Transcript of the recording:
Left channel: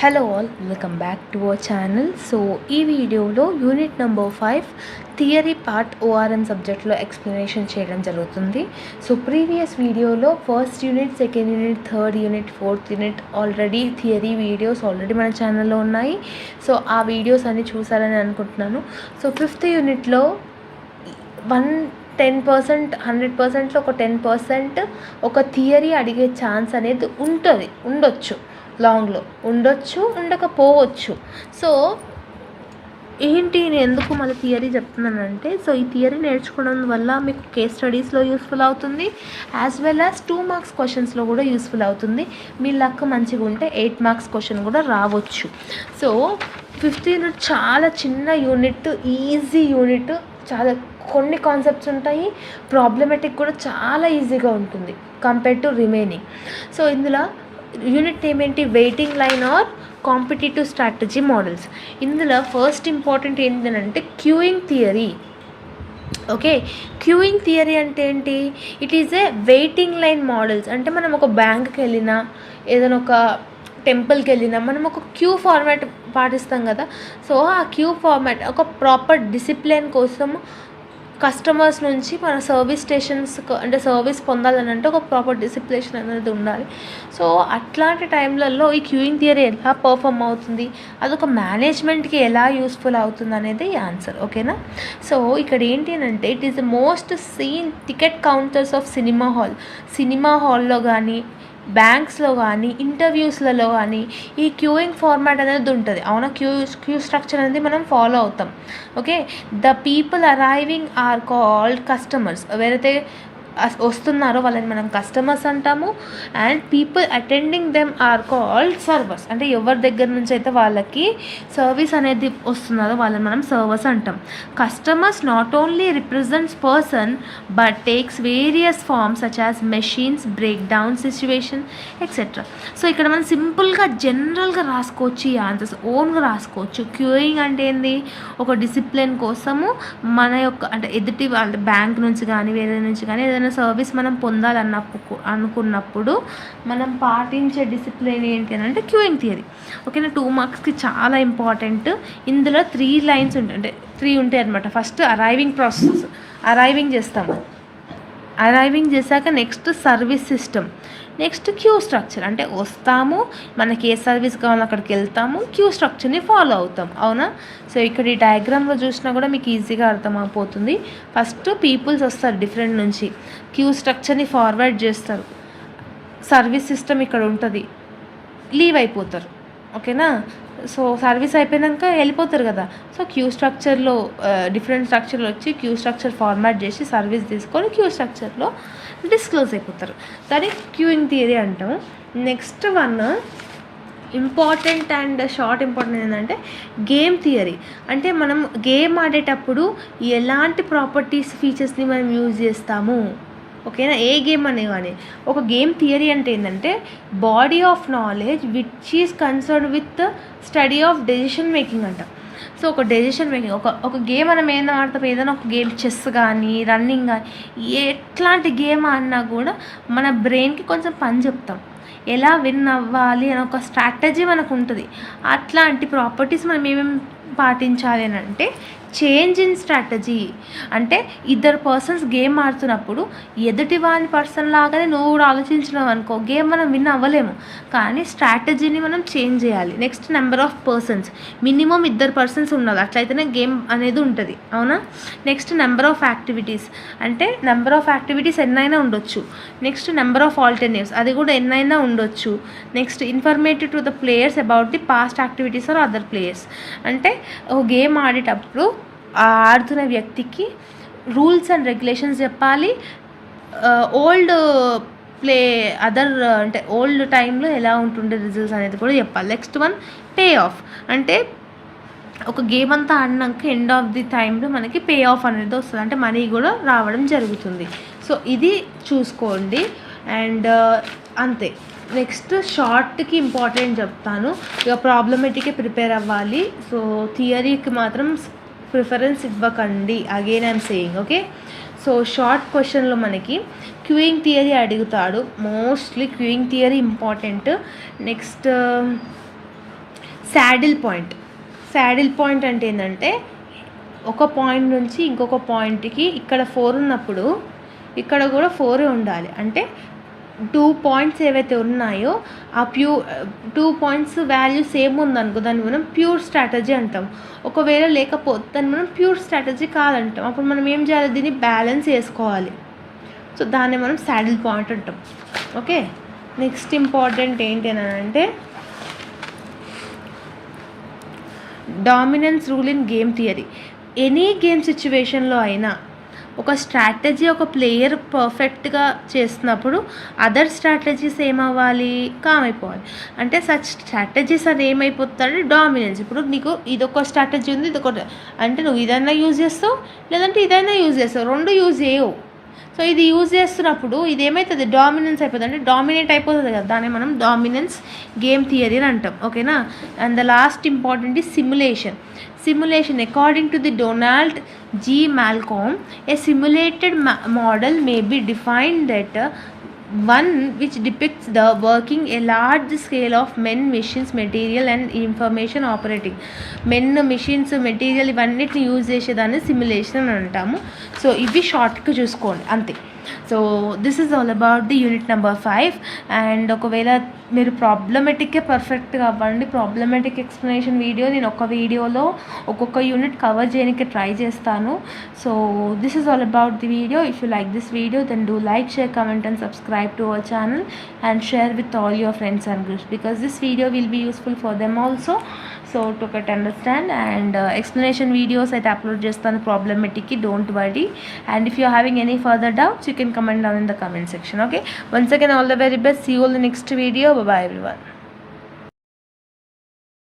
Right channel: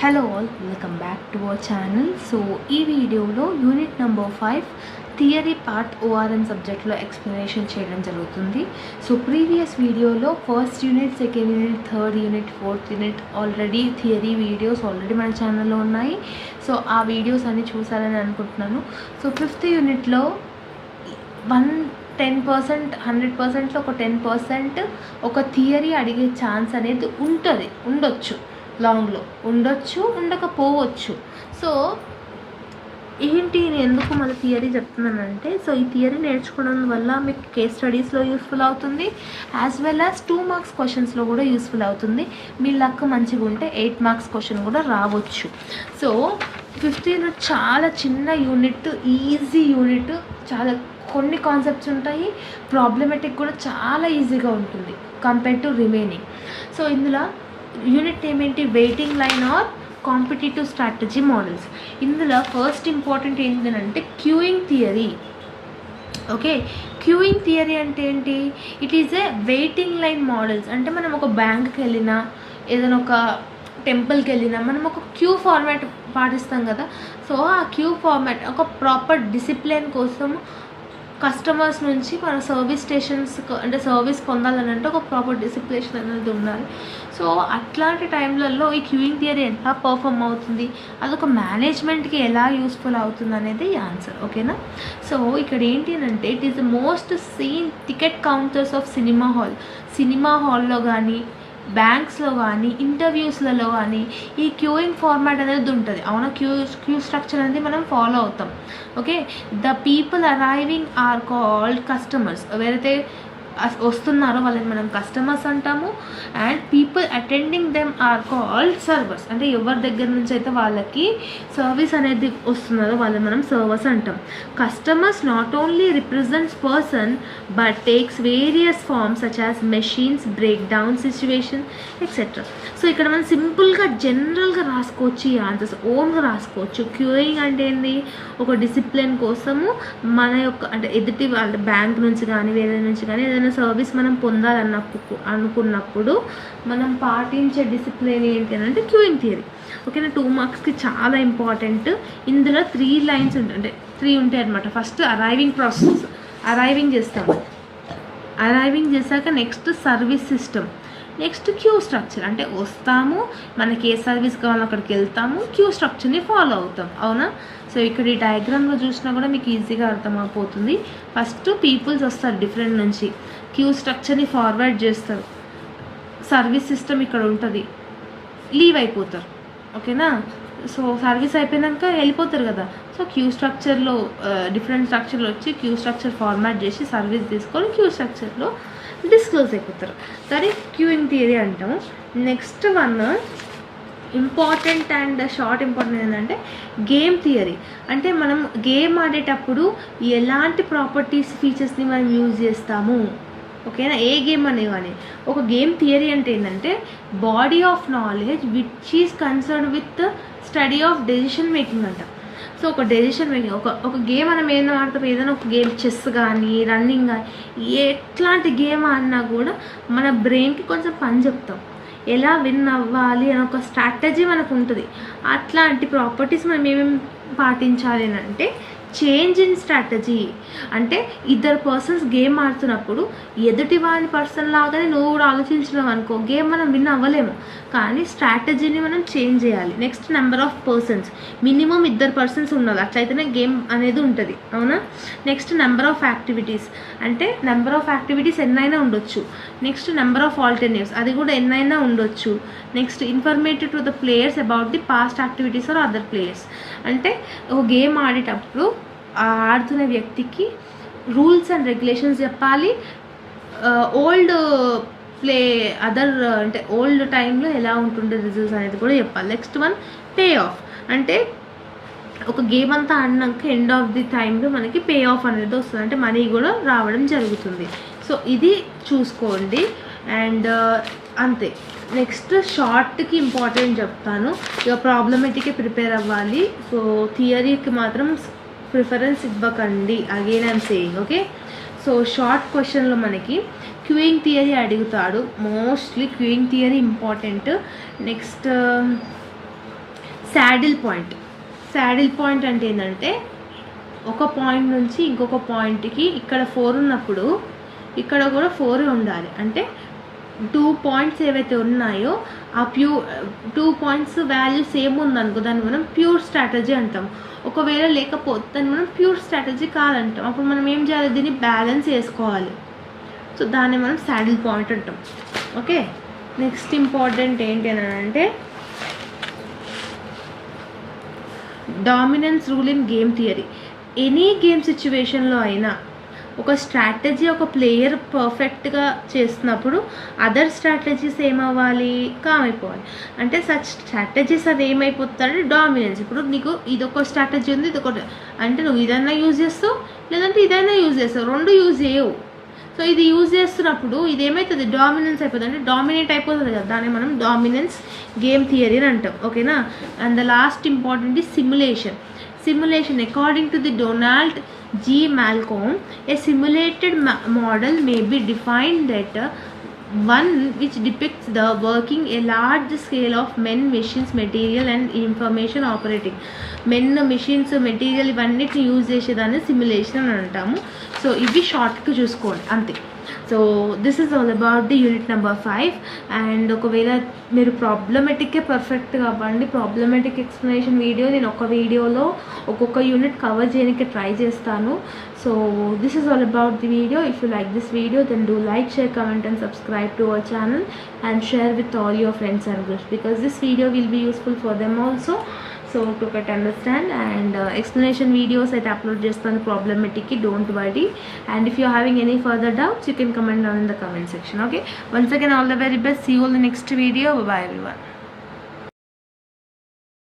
Hello all, welcome back to our channel. So ఈ వీడియోలో unit number 5 theory part ORM సబ్జెక్ట్లో explanation చేయడం జరుగుతుంది. సో ప్రీవియస్ వీడియోలో first unit, second unit, third unit, fourth unit already theory videos already మన ఛానల్లో ఉన్నాయి. So ఆ వీడియోస్ అన్నీ చూసారని అనుకుంటున్నాను. సో ఫిఫ్త్ యూనిట్లో 10%, 100%లో ఒక 10% ఒక థియరీ అడిగే ఛాన్స్ అనేది ఉండొచ్చు. లాంగ్లో ఉండొచ్చు, ఉండకపోవచ్చు. సో ఏంటి నేను ఎందుకు మళ్ళీ థియరీ చెప్తున్నానంటే, సో ఈ థియరీ నేర్చుకోవడం వల్ల మీకు కేస్ స్టడీస్లో యూస్ఫుల్ అవుతుంది, యాజ్ వెల్ యాజ్ 2 మార్క్స్ క్వశ్చన్స్లో కూడా యూస్ఫుల్ అవుతుంది. మీ లక్ మంచిగా ఉంటే 8 మార్క్స్ క్వశ్చన్ కూడా రావచ్చు. సో 5th యూనిట్ చాలా చిన్న యూనిట్, ఈజీ యూనిట్. చాలా కొన్ని కాన్సెప్ట్స్ ఉంటాయి, ప్రాబ్లమేటిక్ కూడా చాలా ఈజీగా ఉంటుంది కంపేర్ టు రిమైనింగ్. సో ఇందులో యూనిట్ నేమ్ ఏంటి? Waiting line or competitive strategy models. ఇందులో ఫస్ట్ ఇంపార్టెంట్ ఏంటంటే queuing theory. Okay, queuing theory అంటే ఏంటి? It is a waiting line models. అంటే మనం ఒక బ్యాంక్కి వెళ్ళినా, ఏదైనా ఒక టెంపుల్కి వెళ్ళినా మనం ఒక క్యూ ఫార్మాట్ పాటిస్తాం కదా. సో ఆ క్యూ ఫార్మాట్ ఒక ప్రాపర్ డిసిప్లిన్ కోసం కస్టమర్స్ నుంచి మన సర్వీస్ స్టేషన్స్ అంటే సర్వీస్ పొందాలని అంటే ఒక ప్రాపర్ డిసిప్లినేషన్ అనేది ఉండాలి. సో అట్లాంటి టైంలలో ఈ క్యూయింగ్ థియరీ ఎలా పర్ఫామ్ అవుతుంది, అదొక మేనేజ్మెంట్కి ఎలా యూస్ఫుల్ అవుతుంది అనేది ఆన్సర్. ఓకేనా? సో ఇక్కడ ఏంటి అంటే it is the most seen ticket counters of cinema హాల్లో కానీ, బ్యాంక్స్లో కానీ, ఇంటర్వ్యూస్లలో కానీ ఈ క్యూయింగ్ ఫార్మాట్ అనేది ఉంటుంది. అవునా? క్యూ స్ట్రక్చర్ అనేది మనం ఫాలో అవుతాం. Okay, the people arriving are called customers. ఎవరైతే వస్తున్నారో వాళ్ళని మనం కస్టమర్స్ అంటాము. And people attending them are called servers. అంటే ఎవరి దగ్గర నుంచి అయితే వాళ్ళకి సర్వీస్ అనేది వస్తున్నారో వాళ్ళని మనం సర్వర్స్ అంటాం. Customers not only represents person but takes various forms such as machines, break down situation etcetera. So ఇక్కడ మనం సింపుల్గా జనరల్గా రాసుకోవచ్చు, ఈ ఆన్సర్స్ ఓన్గా రాసుకోవచ్చు. క్యూయింగ్ అంటే ఏంది? ఒక డిసిప్లిన్ కోసము మన యొక్క అంటే ఎదుటి వాళ్ళ బ్యాంక్ నుంచి కానీ వేరే నుంచి కానీ ఏదైనా సర్వీస్ మనం అనుకున్నప్పుడు మనం పాటించే డిసిప్లిన్ ఏంటి అంటే క్యూయింగ్ థియరీ. ఓకేనా? 2 మార్క్స్కి చాలా ఇంపార్టెంట్. ఇందులో 3 లైన్స్ ఉంటాయి, అంటే 3 ఉంటాయి అనమాట. ఫస్ట్ అరైవింగ్ ప్రాసెస్, అరైవింగ్ చేస్తాము. అరైవింగ్ చేశాక next service system, next Q structure. అంటే వస్తాము, మనకి ఏ సర్వీస్ కావాలో అక్కడికి వెళ్తాము, క్యూ స్ట్రక్చర్ని ఫాలో అవుతాం. అవునా? సో ఇక్కడ ఈ డయాగ్రామ్లో చూసినా కూడా మీకు ఈజీగా అర్థమైపోతుంది. ఫస్ట్ పీపుల్స్ వస్తారు డిఫరెంట్ నుంచి, క్యూ స్ట్రక్చర్ని ఫార్వర్డ్ చేస్తారు, సర్వీస్ సిస్టమ్ ఇక్కడ ఉంటుంది, లీవ్ అయిపోతారు. ఓకేనా? సో సర్వీస్ అయిపోయాక వెళ్ళిపోతారు కదా. సో క్యూ స్ట్రక్చర్లో డిఫరెంట్ స్ట్రక్చర్లో వచ్చి క్యూ స్ట్రక్చర్ ఫార్మాట్ చేసి సర్వీస్ తీసుకొని క్యూ స్ట్రక్చర్లో డిస్క్లోజ్ అయిపోతారు. దాన్ని క్యూయింగ్ థియరీ అంటాము. Next one important and short important ఏంటంటే గేమ్ థియరీ. అంటే మనం గేమ్ ఆడేటప్పుడు ఎలాంటి ప్రాపర్టీస్, ఫీచర్స్ని మనం యూజ్ చేస్తాము. ఓకేనా? ఏ గేమ్ అనే కానీ ఒక గేమ్ థియరీ అంటే ఏంటంటే body of knowledge which is concern with study of decision making అంట. సో ఒక డెసిషన్ మేకింగ్, ఒక గేమ్ మనం ఏదైనా ఆడతాం, ఏదైనా ఒక గేమ్ చెస్ కానీ, రన్నింగ్ కానీ, ఎట్లాంటి గేమ్ ఆడినా కూడా మన బ్రెయిన్కి కొంచెం పని చెప్తాం, ఎలా విన్ అవ్వాలి అని ఒక స్ట్రాటజీ మనకు ఉంటుంది. అట్లాంటి ప్రాపర్టీస్ మనం ఏమేమి పాటించాలి అని అంటే చేంజ్ ఇన్ స్ట్రాటజీ. అంటే ఇద్దరు పర్సన్స్ గేమ్ ఆడుతున్నప్పుడు ఎదుటి వాని పర్సన్ లాగానే నువ్వు కూడా ఆలోచించినావు అనుకో, గేమ్ మనం విన్ అవ్వలేము. కానీ స్ట్రాటజీని మనం చేంజ్ చేయాలి. Next number of persons, minimum 2 persons ఉండాలి, అట్లయితేనే గేమ్ అనేది ఉంటుంది. అవునా? నెక్స్ట్ నెంబర్ ఆఫ్ యాక్టివిటీస్, అంటే నెంబర్ ఆఫ్ యాక్టివిటీస్ ఎన్నైనా ఉండొచ్చు. నెక్స్ట్ నెంబర్ ఆఫ్ ఆల్టర్నేటివ్స్, అది కూడా ఎన్నైనా ఉండొచ్చు. Next informative to the players about the past activities or other players. అంటే ఒక గేమ్ ఆడేటప్పుడు ఆడుతున్న వ్యక్తికి రూల్స్ అండ్ రెగ్యులేషన్స్ చెప్పాలి. ఓల్డ్ అంటే ఓల్డ్ టైంలో ఎలా ఉంటుండే రిజల్ట్స్ అనేది కూడా చెప్పాలి. Next one pay off. అంటే ఒక గేమ్ అంతా ఆడినాక ఎండ్ ఆఫ్ ది టైంలో మనకి పే ఆఫ్ అనేది వస్తుంది, అంటే మనీ కూడా రావడం జరుగుతుంది. సో ఇది చూసుకోండి. అండ్ అంతే. నెక్స్ట్ షార్ట్కి ఇంపార్టెంట్ చెప్తాను. ఇక ప్రాబ్లమేటిక్కి ప్రిపేర్ అవ్వాలి. సో థియరీకి మాత్రం ప్రిఫరెన్స్ ఇవ్వకండి, again I'm saying. Okay, so short క్వశ్చన్లో మనకి క్యూయింగ్ థియరీ అడుగుతాడు. Mostly queuing theory important. Next saddle point అంటే ఏంటంటే ఒక పాయింట్ నుంచి ఇంకొక పాయింట్కి ఇక్కడ 4 ఉన్నప్పుడు ఇక్కడ కూడా 4 ఉండాలి. అంటే 2 పాయింట్స్ ఏవైతే ఉన్నాయో ఆ 2 పాయింట్స్ వాల్యూ సేమ్ ఉందనుకో దాన్ని మనం ప్యూర్ స్ట్రాటజీ అంటాం. ఒకవేళ లేకపోతే దాన్ని మనం ప్యూర్ స్ట్రాటజీ కాదంటాం. అప్పుడు మనం ఏం చేయాలి, దీన్ని బ్యాలెన్స్ చేసుకోవాలి. సో దాన్ని మనం శాడిల్ పాయింట్ అంటాం. ఓకే, నెక్స్ట్ ఇంపార్టెంట్ ఏంటి అని అంటే dominance rule in game theory. Any game సిచ్యువేషన్లో అయినా ఒక స్ట్రాటజీ ఒక ప్లేయర్ పర్ఫెక్ట్గా చేస్తున్నప్పుడు అదర్ స్ట్రాటజీస్ ఏమవ్వాలి, కామ్ అయిపోవాలి. అంటే సచ్ స్ట్రాటజీస్ అది ఏమైపోతుందంటే డామినెన్స్. ఇప్పుడు నీకు ఇదొక స్ట్రాటజీ ఉంది, ఇదొక అంటే నువ్వు ఇదైనా యూజ్ చేస్తావు లేదంటే ఇదైనా యూజ్ చేస్తావు, రెండు యూజ్ చేయవు. సో ఇది యూజ్ చేస్తున్నప్పుడు ఇది ఏమవుతుంది, డామినెన్స్ అయిపోతుంది, అంటే డామినేట్ అయిపోతుంది కదా, దాన్ని మనం డామినెన్స్ గేమ్ థియరీ అని అంటాం. ఓకేనా. And the last important is simulation. According to the Donald G. Malcolm, a simulated model may be defined that one which depicts the working a large scale of men, machines, material and information operating. Men, machines, material ఇవన్నిటిని use చేసేదాన్ని simulation అని అంటాము. So ఇవి షార్ట్గా చూసుకోండి అంతే. So this is all about the unit number 5. And ఒకవేళ మీరు ప్రాబ్లమెటిక్కే పర్ఫెక్ట్గా అవ్వండి, ప్రాబ్లమెటిక్ ఎక్స్ప్లెనేషన్ వీడియో నేను ఒక వీడియోలో ఒక్కొక్క యూనిట్ కవర్ చేయడానికి ట్రై చేస్తాను. So this is all about the video. If you like this video then do like, share, comment and subscribe to our channel and share with all your friends and groups because this video will be useful for them also. So to get understand and explanation videos I upload just on problematic, don't worry. And if you are having any further doubts you can comment down in the comment section. Okay, once again all the very best. See you all in the next video. Bye bye everyone.